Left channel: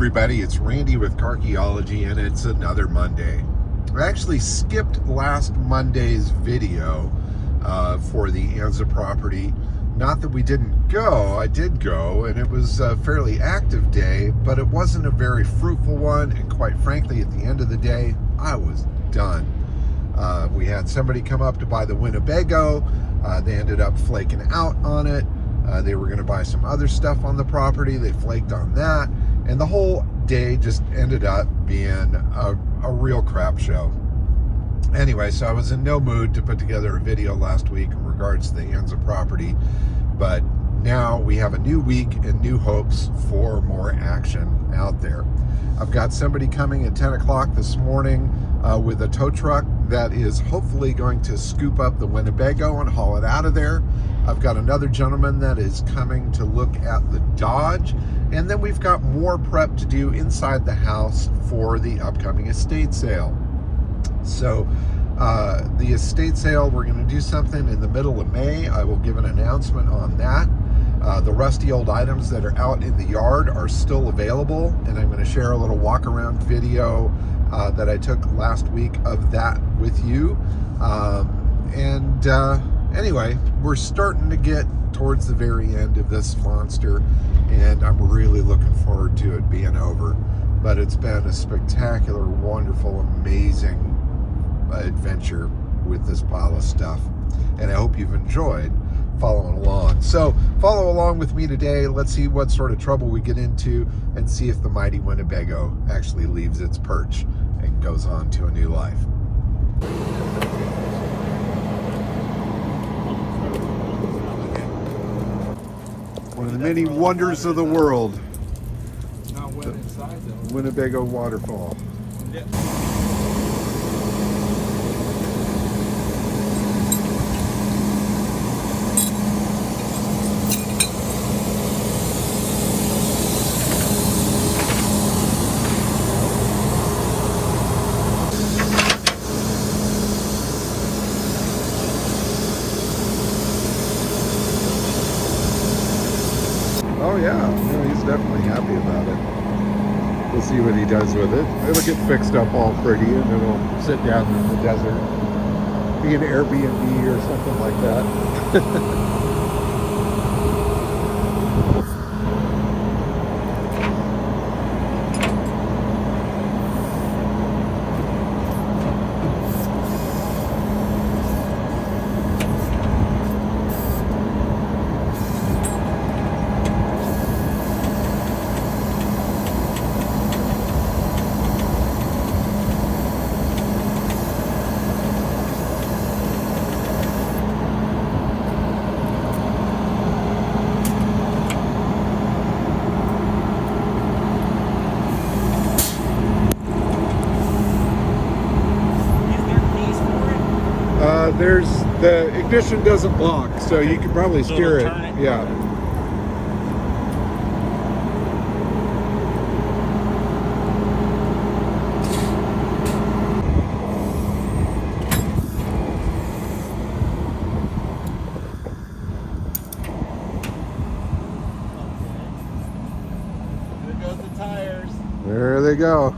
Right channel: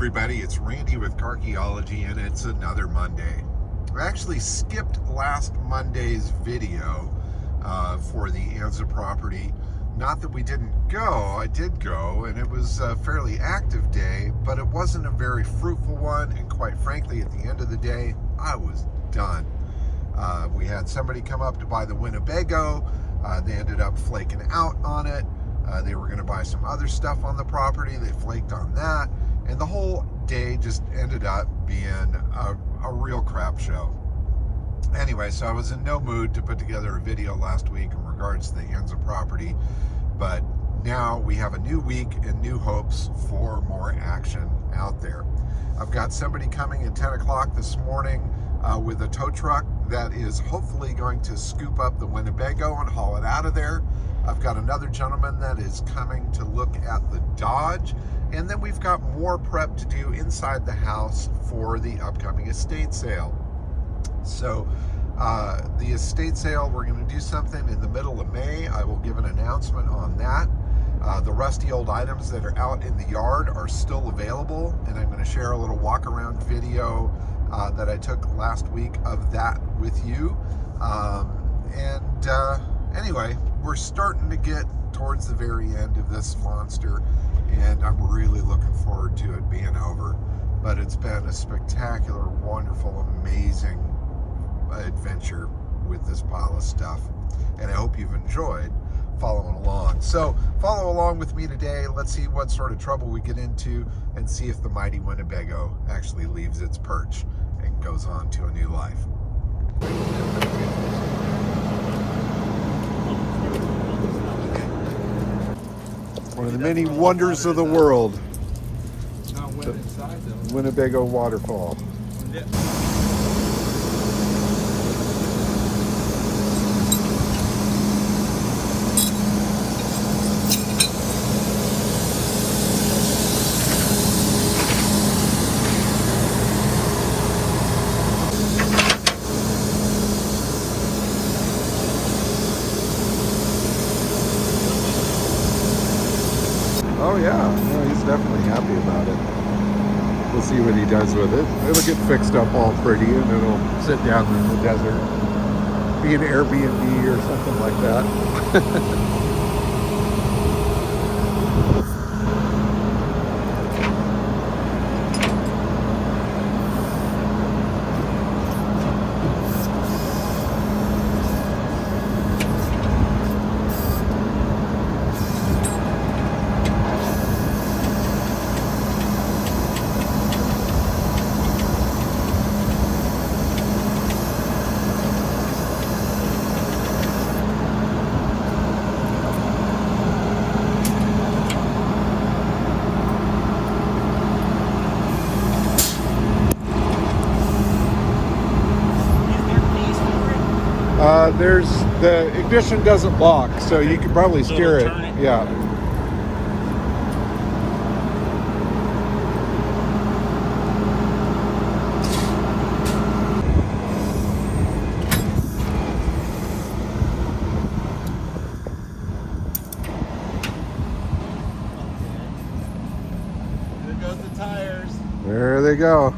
everybody, it's Randy with Carchaeology, and it's another Monday. I actually skipped last Monday's video for the Anza property. Not that we didn't go, I did go, and it was a fairly active day, but it wasn't a very fruitful one, and quite frankly, at the end of the day, I was done. We had somebody come up to buy the Winnebago. They ended up flaking out on it. They were going to buy some other stuff on the property. They flaked on that. And the whole day just ended up being a real crap show. Anyway, so I was in no mood to put together a video last week in regards to the Anza property. But now we have a new week and new hopes for more action out there. I've got somebody coming at 10 o'clock this morning with a tow truck that is hopefully going to scoop up the Winnebago and haul it out of there. I've got another gentleman that is coming to look at the Dodge. And then we've got more prep to do inside the house for the upcoming estate sale. So the estate sale, we're going to do something in the middle of May. I will give an announcement on that. The rusty old items that are out in the yard are still available, and I'm going to share a little walk around video that I took last week of that with you. Anyway, we're starting to get towards the very end of this monster, and I'm really looking forward to it being over. But it's been a spectacular, wonderful, amazing adventure with this pile of stuff, and I hope you've enjoyed following along. So follow along with me today. Let's see what sort of trouble we get into and see if the mighty Winnebago actually leaves its perch and goes on to a new life. One of the many wonders of the world, the Winnebago waterfall. Oh yeah, no, he's definitely happy about it. We'll see what he does with it. It'll get fixed up all pretty, and then it'll sit down in the desert, be an Airbnb or something like that. The ignition doesn't lock, so you can probably steer it. Yeah. There goes the tires. There they go.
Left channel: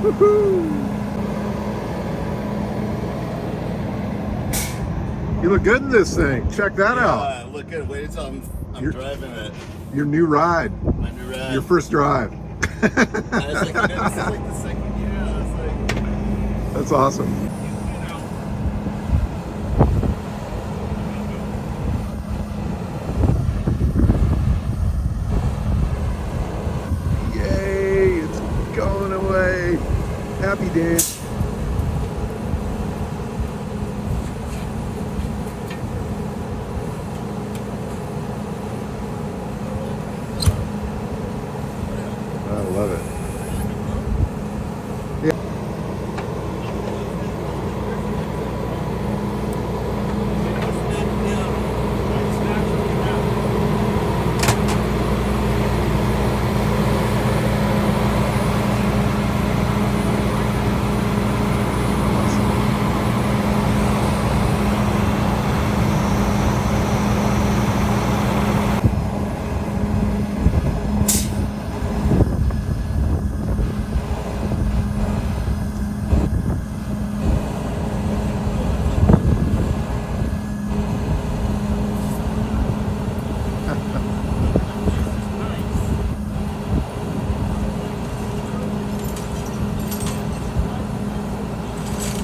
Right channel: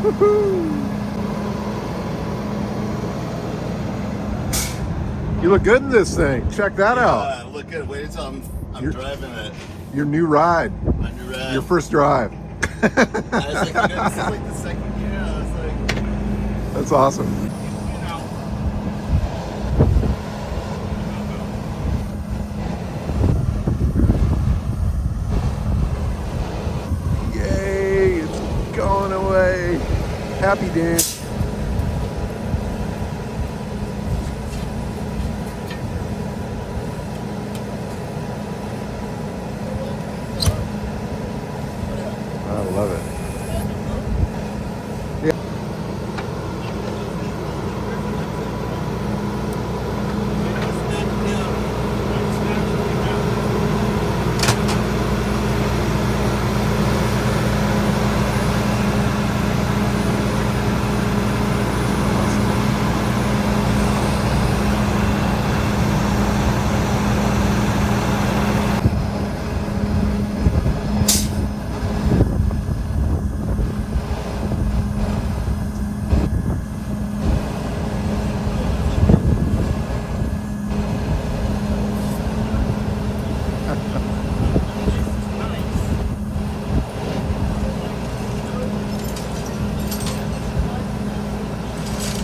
Woohoo! You look good in this thing. Check that out. Look good. Wait until I'm driving it. Your new ride. My new ride. Your first drive. This is like the second year. I was like, That's awesome. you know. love it.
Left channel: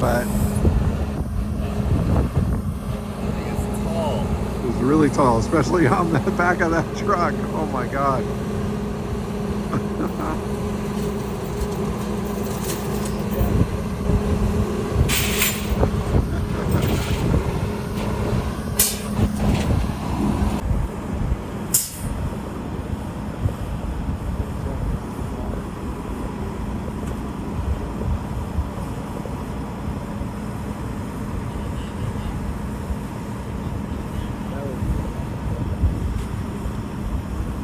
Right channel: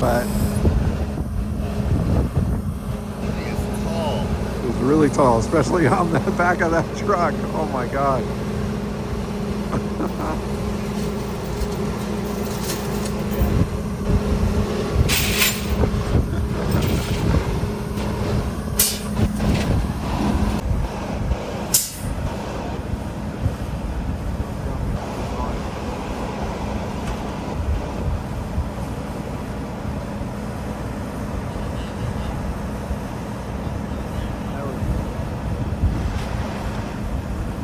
But it was really tall, especially on the back of that truck. Oh my God.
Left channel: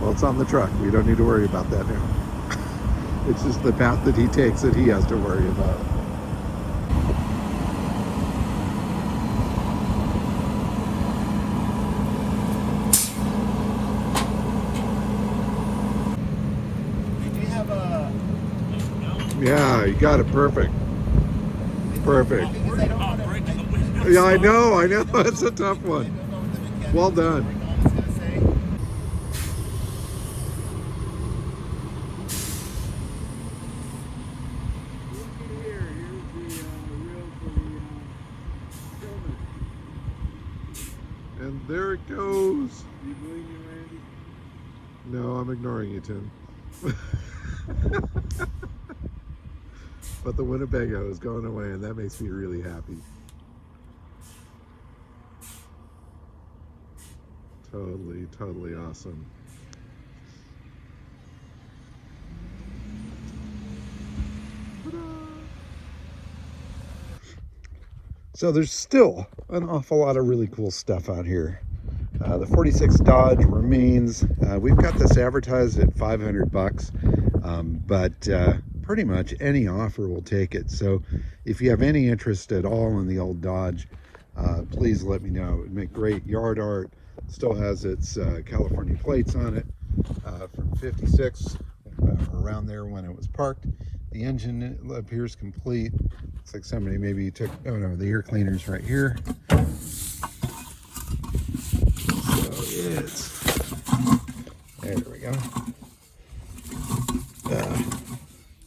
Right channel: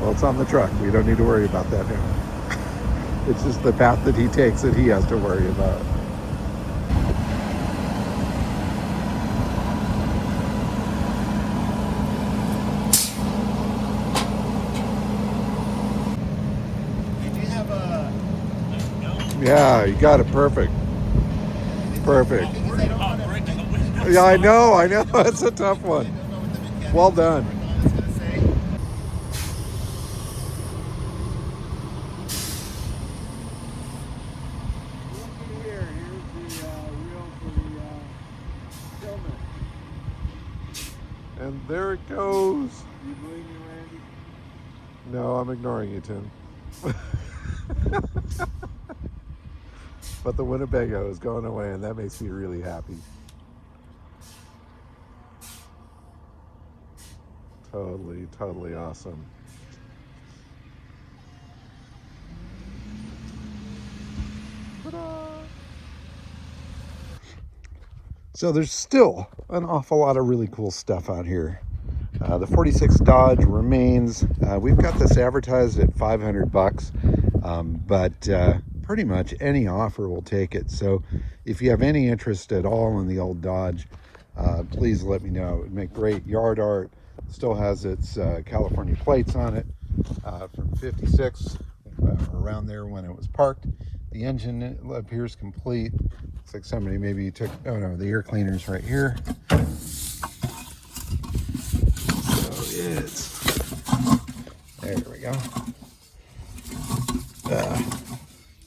Well, it's on the truck. We don't need to worry about that now. It's just the path that he takes that he has to worry about. Yeah, you got it perfect. Perfect. Yeah, I know. It's a tough one. Well done. And there it goes. No, I'm ignoring you, Tim. But the Winnebago is going away, and that makes me really happy. Totally awesome. Ta-da! So there's still an awful lot of really cool stuff out here. The 46 Dodge remains. We've got this advertised at $500, but pretty much any offer will take it. So if you have any interest at all in the old Dodge, please let me know. It would make great yard art. Still has its California plates on it from 56, around there when it was parked. The engine appears complete. Looks like somebody maybe took, oh no, the air cleaner's right here. There we go.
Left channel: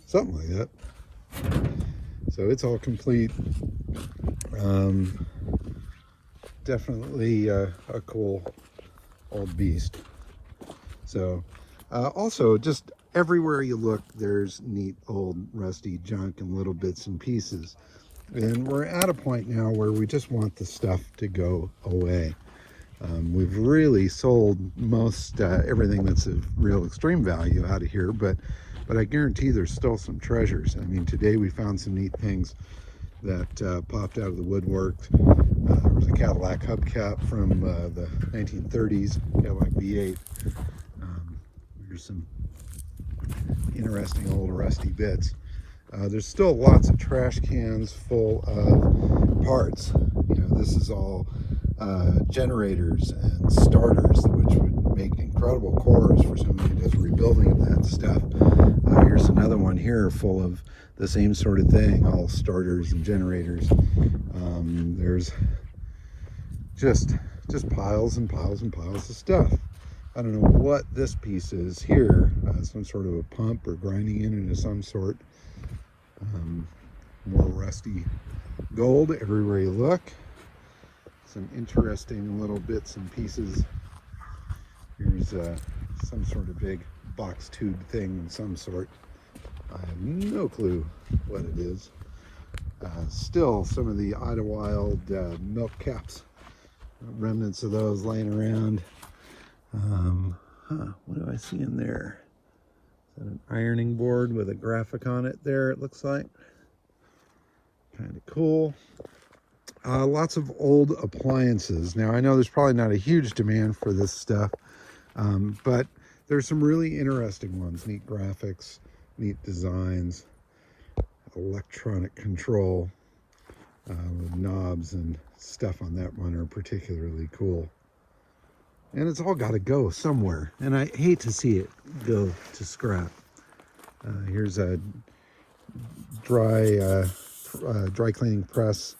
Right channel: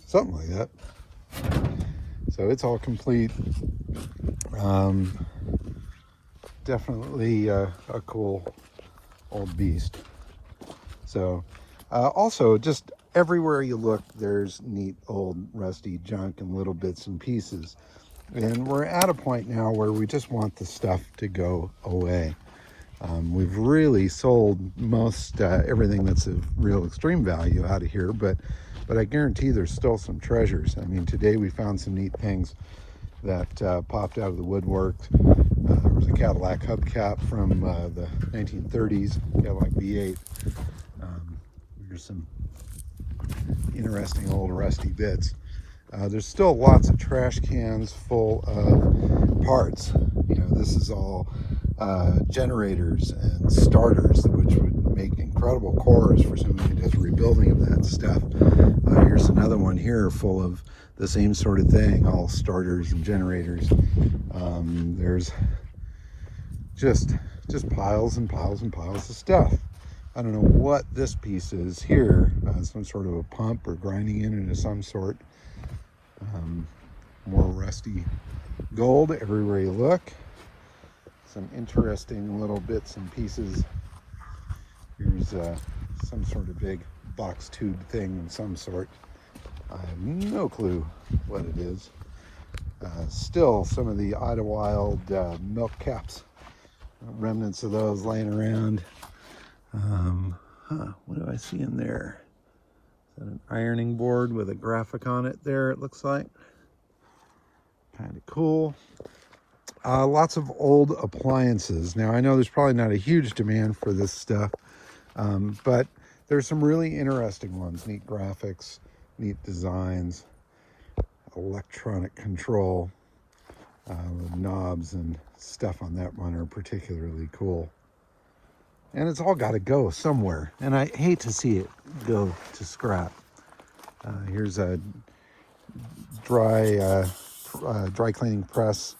Something like that. So it's all complete. Definitely a cool old beast. So also, just everywhere you look, there's neat old rusty junk and little bits and pieces. And we're at a point now where we just want the stuff to go away. We've really sold most everything that's of real extreme value out of here, but I guarantee there's still some treasures. I mean, today we found some neat things that popped out of the woodwork. There was a Cadillac hubcap from the 1930s, Cadillac V8. There's some interesting old rusty bits. There's still lots of trash cans full of parts. You know, this is all generators and starters, which would make incredible cores for somebody who does rebuilding of that stuff. Here's another one here full of the same sort of thing, all starters and generators. There's just piles and piles and piles of stuff. I don't know what this piece is here. Some sort of a pump or grinding unit of some sort. More rusty gold everywhere you look. Some interesting little bits and pieces. Here's some sort of big box tube thing of some sort. I have no clue what it is. Still some of the Idlewild milk caps, remnants of those laying around. What do I see in there? And an ironing board with a graphic on it there, it looks like. Kind of cool. Lots of old appliances. Now, I know there's probably not a huge demand for this stuff, but there's some really interesting ones. Neat graphics, neat designs, electronic control with knobs and stuff on that one are particularly cool. And it's all got to go somewhere, and I hate to see it go to scrap. Here's a dry cleaning press,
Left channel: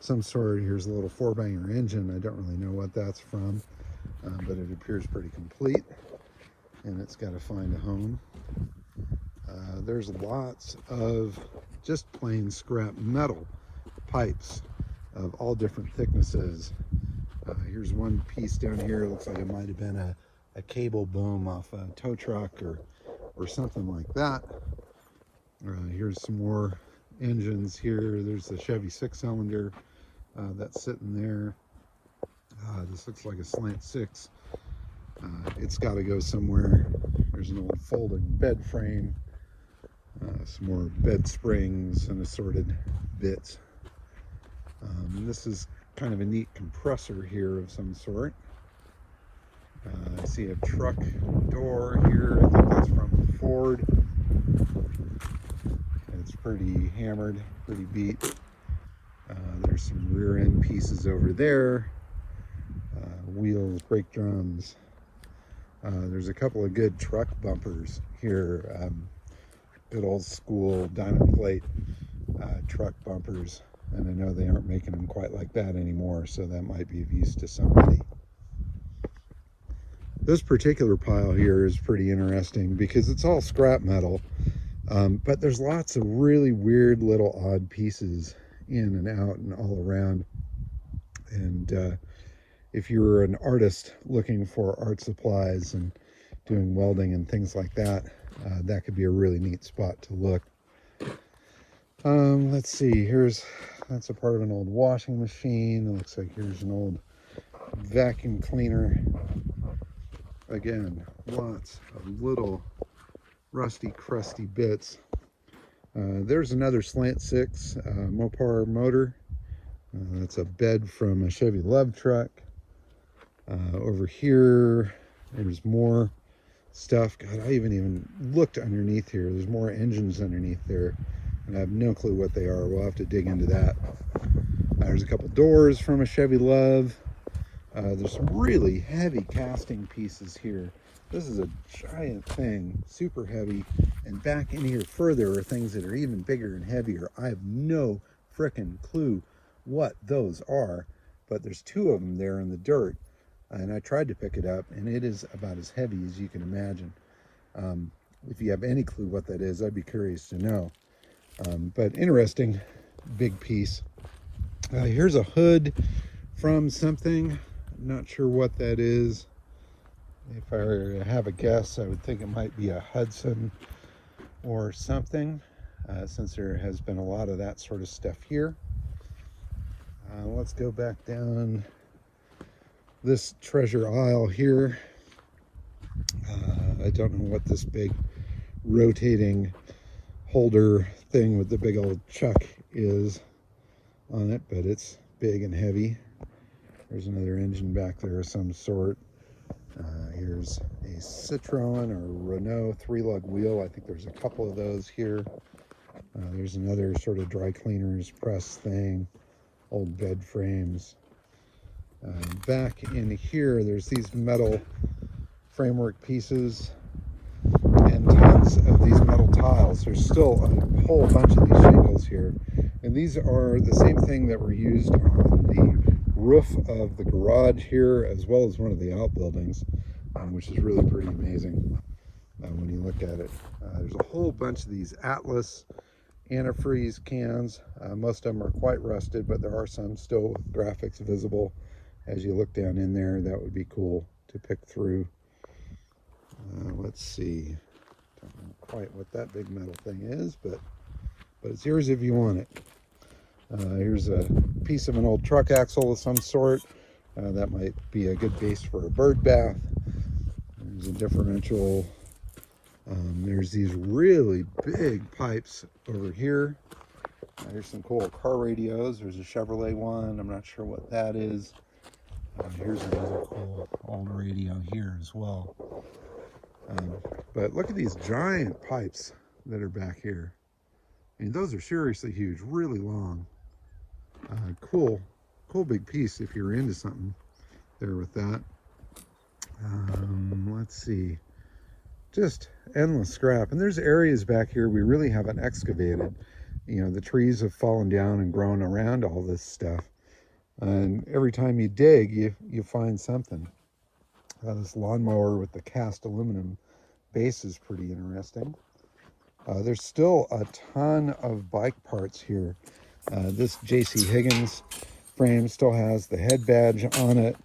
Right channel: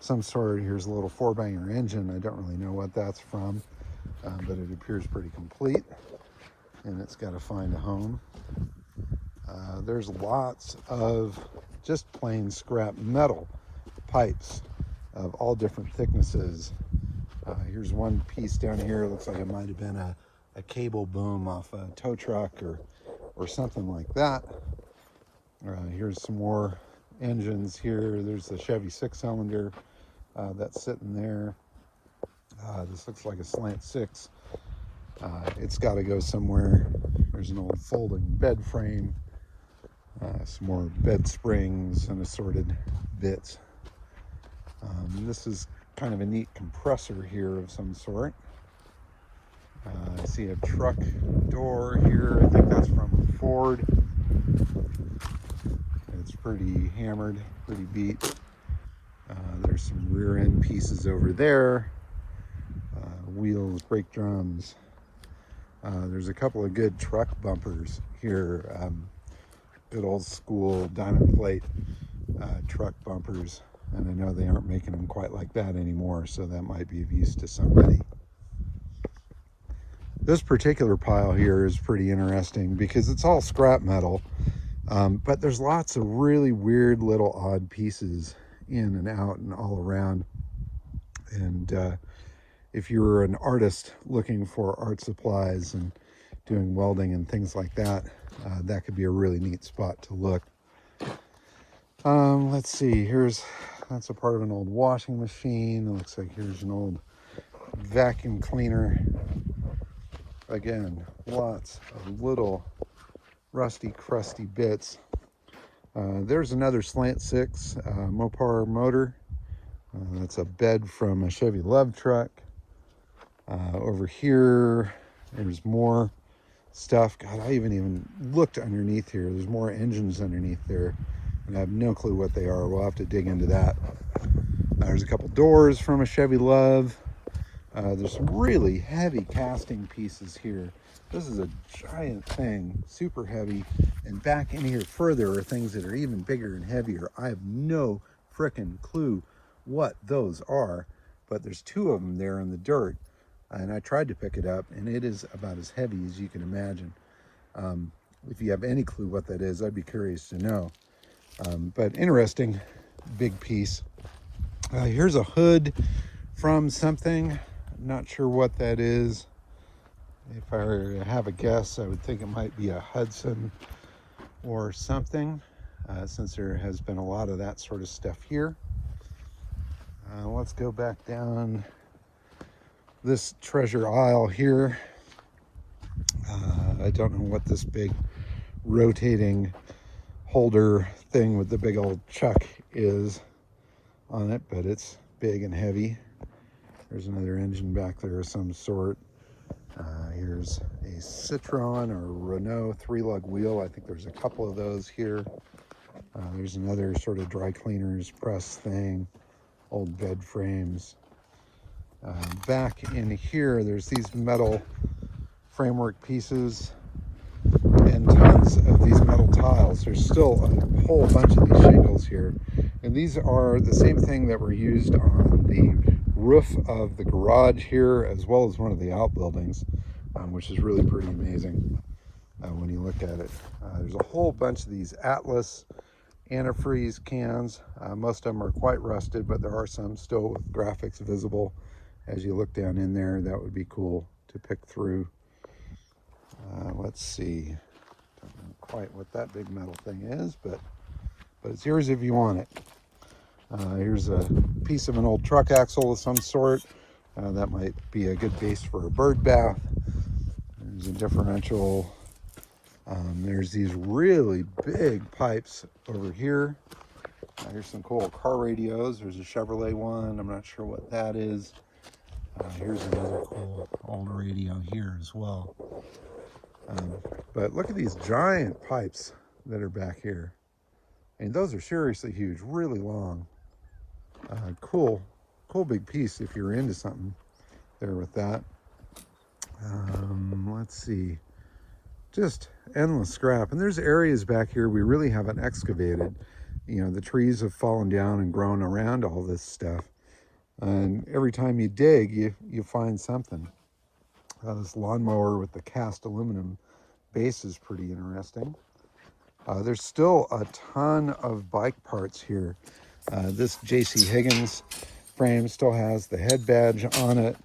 some sort. Here's a little 4-banger engine. I don't really know what that's from, but it appears pretty complete, and it's got to find a home. There's lots of just plain scrap metal pipes of all different thicknesses. Here's one piece down here. It looks like it might have been a cable boom off a tow truck or something like that. Here's some more engines here. There's the Chevy 6-cylinder that's sitting there. This looks like a slant 6. It's got to go somewhere. There's an old folding bed frame, some more bed springs and assorted bits. This is kind of a neat compressor here of some sort. I see a truck door here. I think that's from Ford. It's pretty hammered, pretty beat. There's some rear end pieces over there. Wheels, brake drums. There's a couple of good truck bumpers here. Good old school diamond plate truck bumpers. And I know they aren't making them quite like that anymore, so that might be of use to somebody. This particular pile here is pretty interesting because it's all scrap metal, but there's lots of really weird little odd pieces in and out and all around. And if you're an artist looking for art supplies and doing welding and things like that, that could be a really neat spot to look. Let's see, that's a part of an old washing machine. It looks like here's an old vacuum cleaner. Again, lots of little rusty, crusty bits. There's another slant 6 Mopar motor. That's a bed from a Chevy Love truck. Over here, there's more stuff. God, I even looked underneath here. There's more engines underneath there. I have no clue what they are. We'll have to dig into that. There's a couple doors from a Chevy Love. There's some really heavy casting pieces here. This is a giant thing, super heavy. And back in here further are things that are even bigger and heavier. I have no frickin' clue what those are, but there's 2 of them there in the dirt. And I tried to pick it up, and it is about as heavy as you can imagine. If you have any clue what that is, I'd be curious to know. But interesting, big piece. Here's a hood from something. I'm not sure what that is. If I have a guess, I would think it might be a Hudson or something, since there has been a lot of that sort of stuff here. Let's go back down this treasure aisle here. I don't know what this big rotating holder thing with the big old chuck is on it, but it's big and heavy. There's another engine back there of some sort. Here's a Citroen or Renault 3-lug wheel. I think there's a couple of those here. There's another sort of dry cleaners press thing, old bed frames. Back in here, there's these metal framework pieces and tons of these metal tiles. There's still a whole bunch of these shingles here, and these are the same thing that were used on the roof of the garage here, as well as one of the outbuildings, which is really pretty amazing when you look at it. There's a whole bunch of these Atlas antifreeze cans. Most of them are quite rusted, but there are some still with graphics visible. As you look down in there, that would be cool to pick through. Let's see. Don't know quite what that big metal thing is, but it's yours if you want it. Here's a piece of an old truck axle of some sort. That might be a good base for a bird bath. There's a differential There's these really big pipes over here. Here's some cool car radios. There's a Chevrolet one. I'm not sure what that is. Here's another cool old radio here as well. But look at these giant pipes that are back here. And those are seriously huge, really long. Cool big piece if you're into something there with that. Let's see. Just endless scrap. And there's areas back here we really haven't excavated. You know, the trees have fallen down and grown around all this stuff. And every time you dig, you find something. This lawnmower with the cast aluminum base is pretty interesting. There's still a ton of bike parts here. This J.C. Higgins frame still has the head badge on it.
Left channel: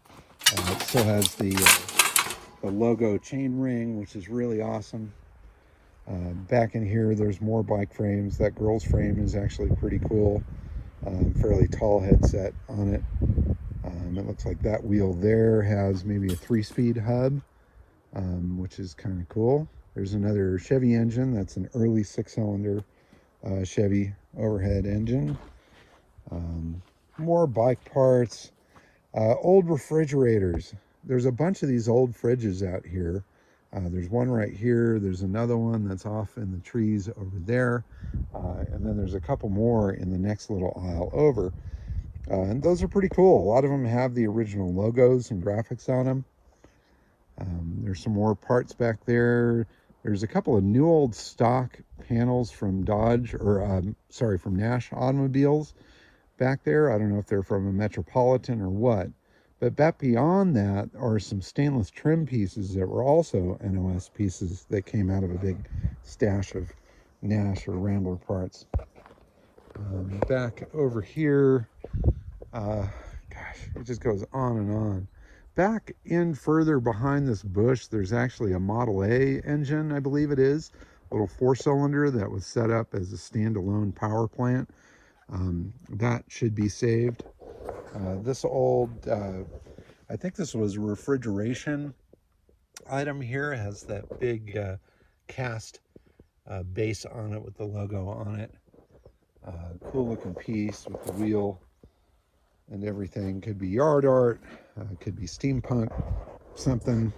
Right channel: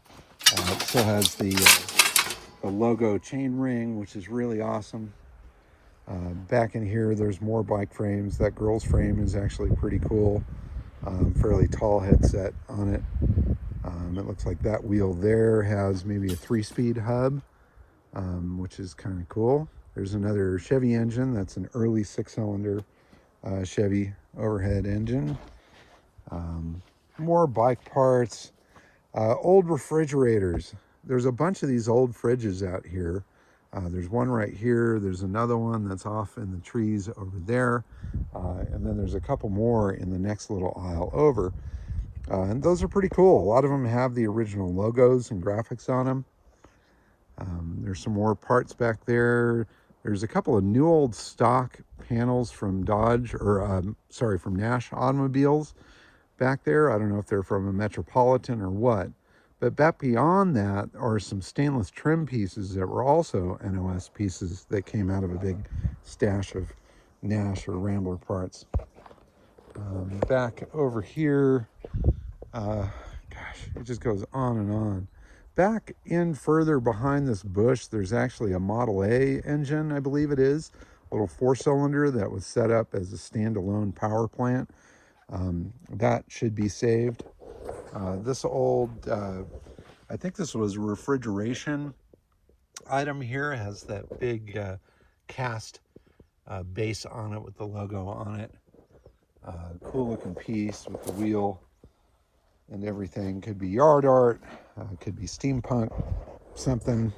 It still has the logo chain ring, which is really awesome. Back in here, there's more bike frames. That girl's frame is actually pretty cool. Fairly tall headset on it. It looks like that wheel there has maybe a 3-speed hub, which is kind of cool. There's another Chevy engine. That's an early 6-cylinder Chevy overhead engine. More bike parts. Old refrigerators. There's a bunch of these old fridges out here. There's one right here. There's another one that's off in the trees over there. And then there's a couple more in the next little aisle over. And those are pretty cool. A lot of them have the original logos and graphics on them. There's some more parts back there. There's a couple of new old stock panels from Dodge, or from Nash automobiles back there. I don't know if they're from a Metropolitan or what. But back beyond that are some stainless trim pieces that were also NOS pieces that came out of a big stash of Nash or Rambler parts. Back over here, gosh, it just goes on and on. Back in further behind this bush, there's actually a Model A engine, I believe it is, a little 4-cylinder that was set up as a standalone power plant. That should be saved. This old, I think this was a refrigeration item here. It has that big cast base on it with the logo on it. Cool looking piece with the wheel and everything. Could be yard art, could be steampunk, something.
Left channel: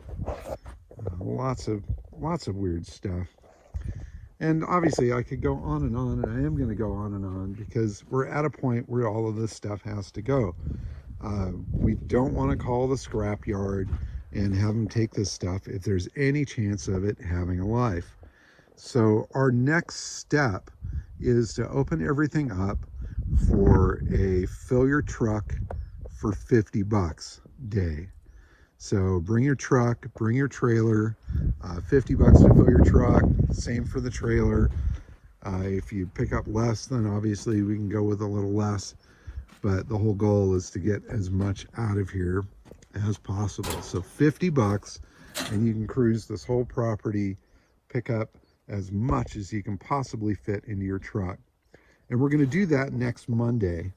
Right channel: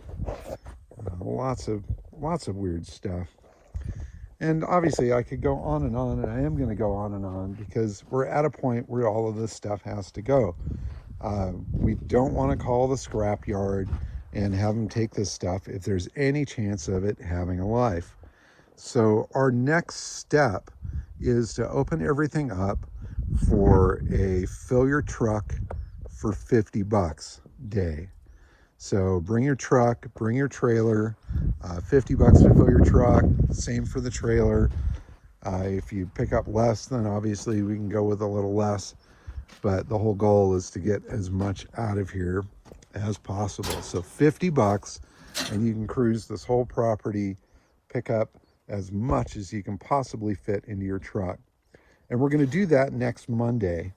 Lots of weird stuff. And obviously I could go on, and I am going to go on and on because we're at a point where all of this stuff has to go. We don't want to call the scrap yard and have them take this stuff if there's any chance of it having a life. So our next step is to open everything up for a fill your truck for $50 day. So bring your truck, bring your trailer, $50 to fill your truck, same for the trailer. If you pick up less, then obviously we can go with a little less, but the whole goal is to get as much out of here as possible. So $50 and you can cruise this whole property, pick up as much as you can possibly fit into your truck. And we're going to do that next Monday.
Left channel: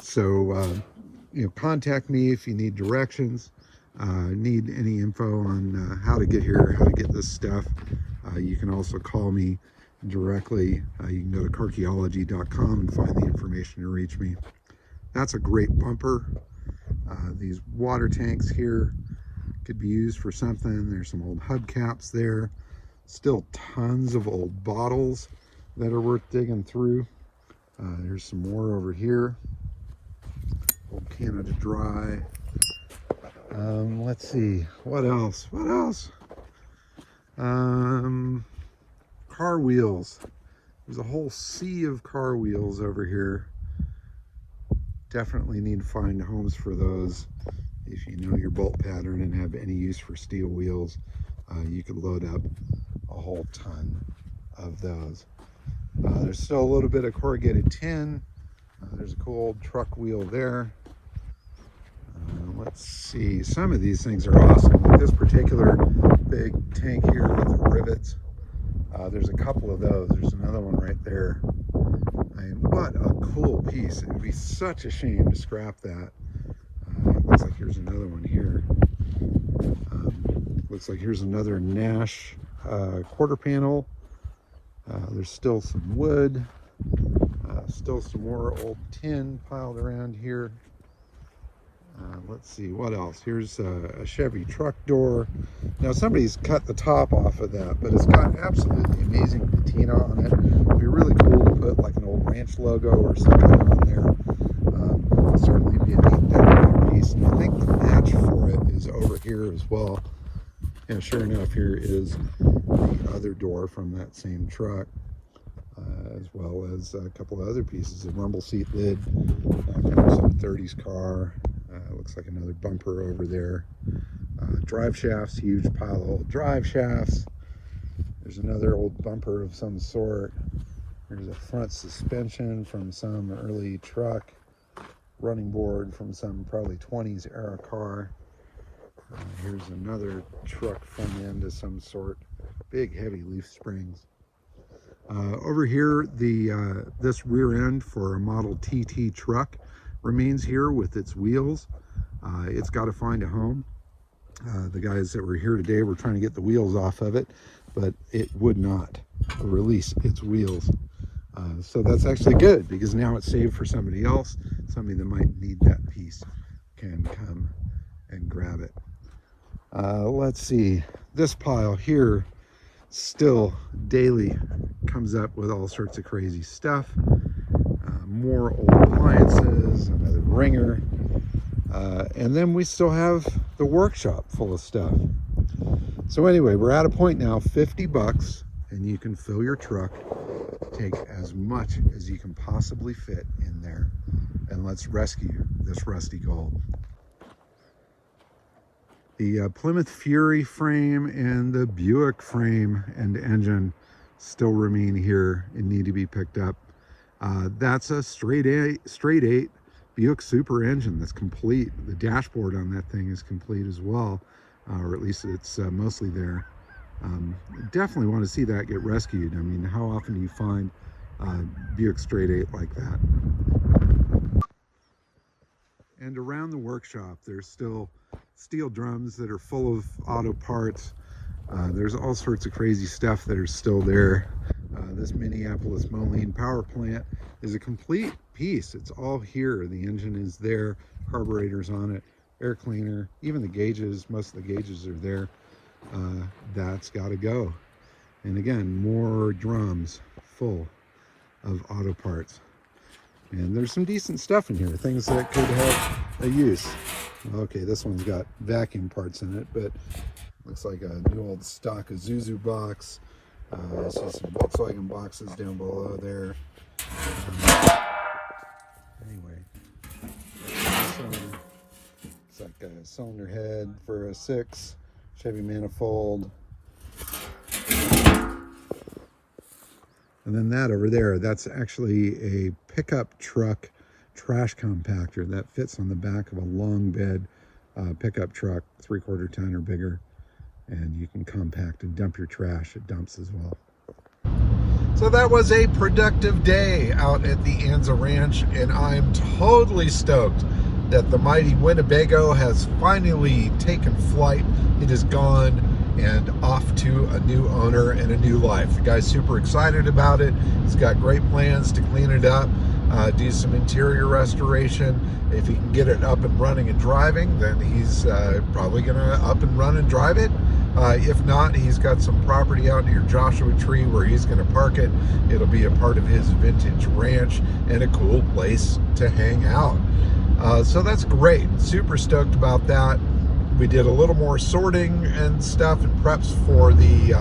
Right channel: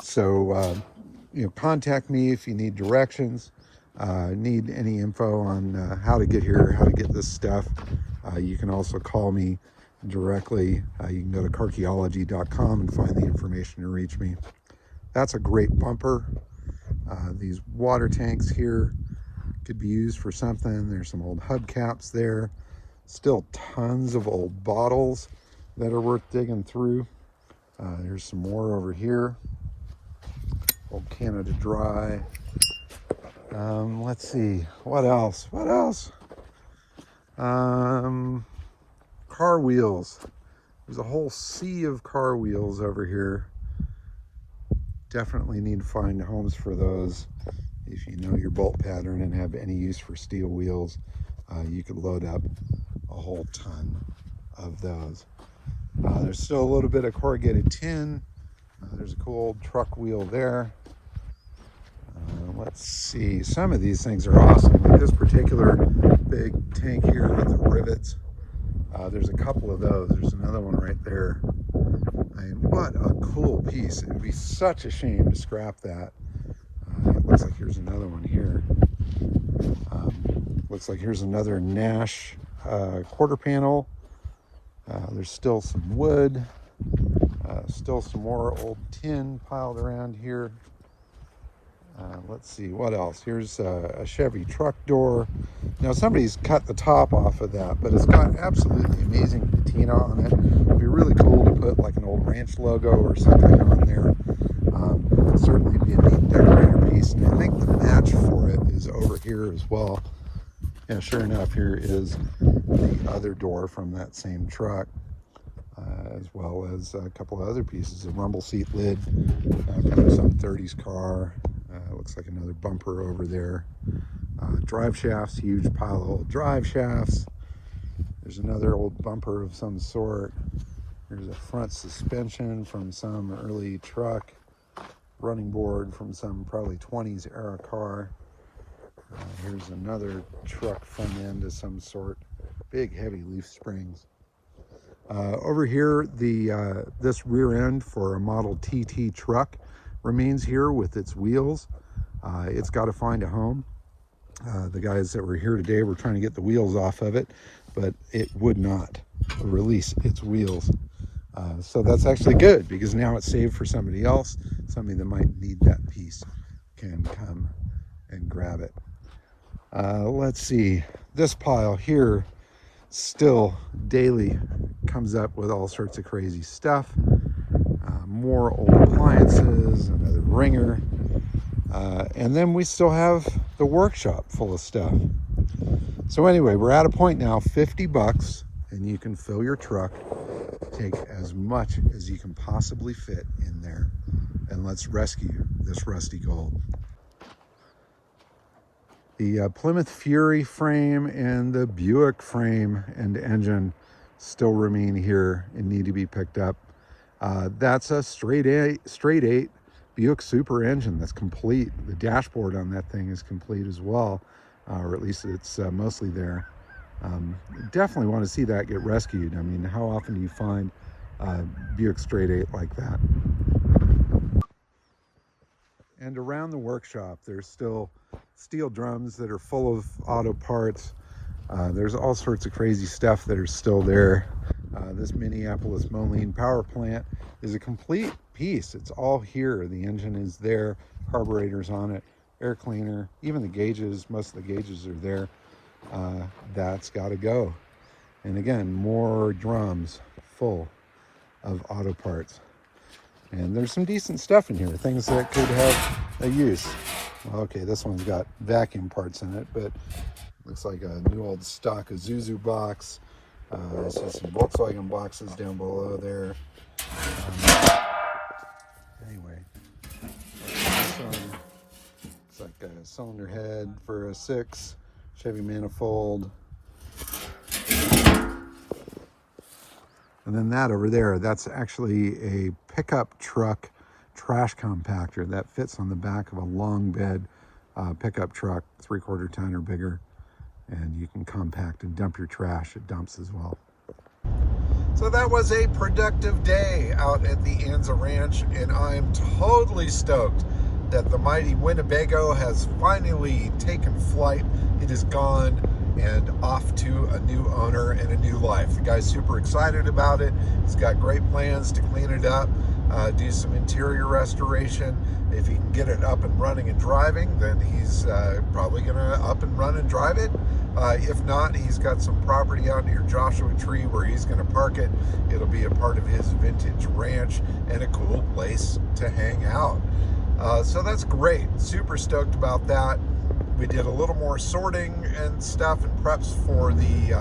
So, contact me if you need directions. Need any info on how to get here, how to get this stuff. You can also call me directly. You can go to Carchaeology.com and find the information to reach me. That's a great bumper. These water tanks here could be used for something. There's some old hubcaps there. Still tons of old bottles that are worth digging through. There's some more over here. Old Canada Dry. Let's see, what else? Car wheels. There's a whole sea of car wheels over here. Definitely need to find homes for those. If you know your bolt pattern and have any use for steel wheels, you could load up a whole ton of those. There's still a little bit of corrugated tin. There's a cool old truck wheel there. Let's see, some of these things are awesome. Like this particular big tank here with the rivets. There's a couple of those. There's another one right there. I mean, what a cool piece. It would be such a shame to scrap that. It looks like here's another one here. Looks like here's another Nash quarter panel. There's still some wood, still some more old tin piled around here. Let's see what else. Here's a Chevy truck door. Now somebody's cut the top off of that, but it's got absolutely amazing patina on it. It'd be really cool to put like an old ranch logo or something on there. It'll certainly be a neat decorative piece. And I think the match for it is over here as well. And sure enough, here is the other door from that same truck, as well as a couple of other pieces. A rumble seat lid from some 30s car. Looks like another bumper over there. Drive shafts, huge pile of old drive shafts. There's another old bumper of some sort. There's a front suspension from some early truck. Running board from some probably 20s era car. Here's another truck front end of some sort. Big heavy leaf springs. Over here, this rear end for a Model TT truck remains here with its wheels. It's got to find a home. The guys that were here today were trying to get the wheels off of it, but it would not release its wheels. So that's actually good, because now it's saved for somebody else. Somebody that might need that piece can come and grab it. Let's see, this pile here still daily comes up with all sorts of crazy stuff. More old appliances, another ringer, and then we still have the workshop full of stuff. So anyway, we're at a point now, 50 bucks, and you can fill your truck, take as much as you can possibly fit in there, and let's rescue this rusty gold. The Plymouth Fury frame and the Buick frame and engine still remain here and need to be picked up. That's a straight eight Buick Super engine that's complete. The dashboard on that thing is complete as well, or at least it's mostly there. Definitely want to see that get rescued. I mean, how often do you find Buick straight eight like that? And around the workshop, there's still steel drums that are full of auto parts. There's all sorts of crazy stuff that are still there. This Minneapolis Moline power plant is a complete piece. It's all here. The engine is there, carburetors on it, air cleaner, even the gauges, most of the gauges are there. That's got to go. And again, more drums full of auto parts. And there's some decent stuff in here, things that could have a use. Okay, this one's got vacuum parts in it, but looks like a new old stock Isuzu box. I see some Volkswagen boxes down below there. Anyway, looks like a cylinder head for a 6, Chevy manifold. And then that over there, that's actually a pickup truck trash compactor that fits on the back of a long bed pickup truck, 3/4 ton or bigger. And you can compact and dump your trash. It dumps as well. So that was a productive day out at the Anza Ranch, and I'm totally stoked that the mighty Winnebago has finally taken flight. It is gone and off to a new owner and a new life. The guy's super excited about it. He's got great plans to clean it up, do some interior restoration. If he can get it up and running and driving, then he's probably gonna up and run and drive it. If not, he's got some property out near Joshua Tree where he's gonna park it. It'll be a part of his vintage ranch and a cool place to hang out. So that's great, super stoked about that. We did a little more sorting and stuff and preps for the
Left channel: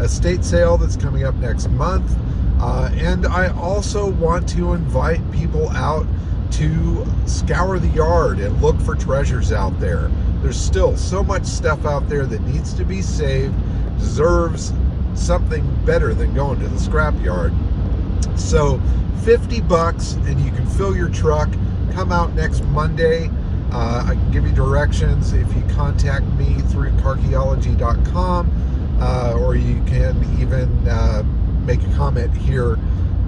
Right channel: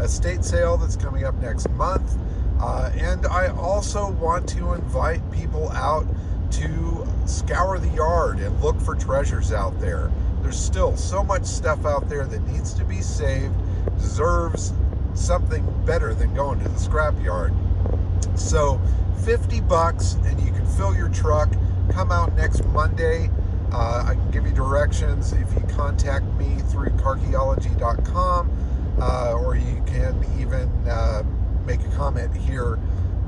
estate sale that's coming up next month. And I also want to invite people out to scour the yard and look for treasures out there. There's still so much stuff out there that needs to be saved, deserves something better than going to the scrapyard. So 50 bucks and you can fill your truck. Come out next Monday. I can give you directions if you contact me through Carchaeology.com, or you can even make a comment here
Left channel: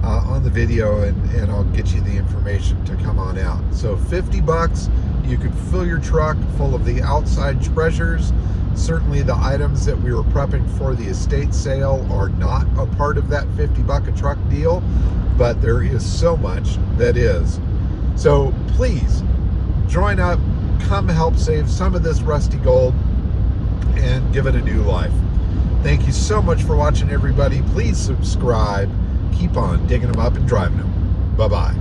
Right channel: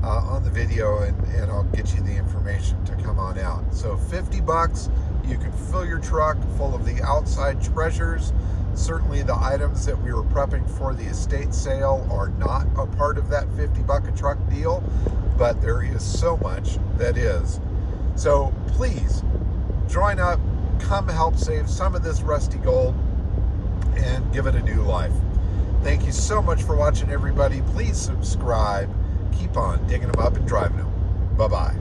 on the video and I'll get you the information to come on out. So 50 bucks, you can fill your truck full of the outside treasures Certainly the items that we were prepping for the estate sale are not a part of that $50 a truck deal, but there is so much that is. So please join up, come help save some of this rusty gold and give it a new life. Thank you so much for watching, everybody. Please subscribe. Keep on digging them up and driving them. Bye-bye.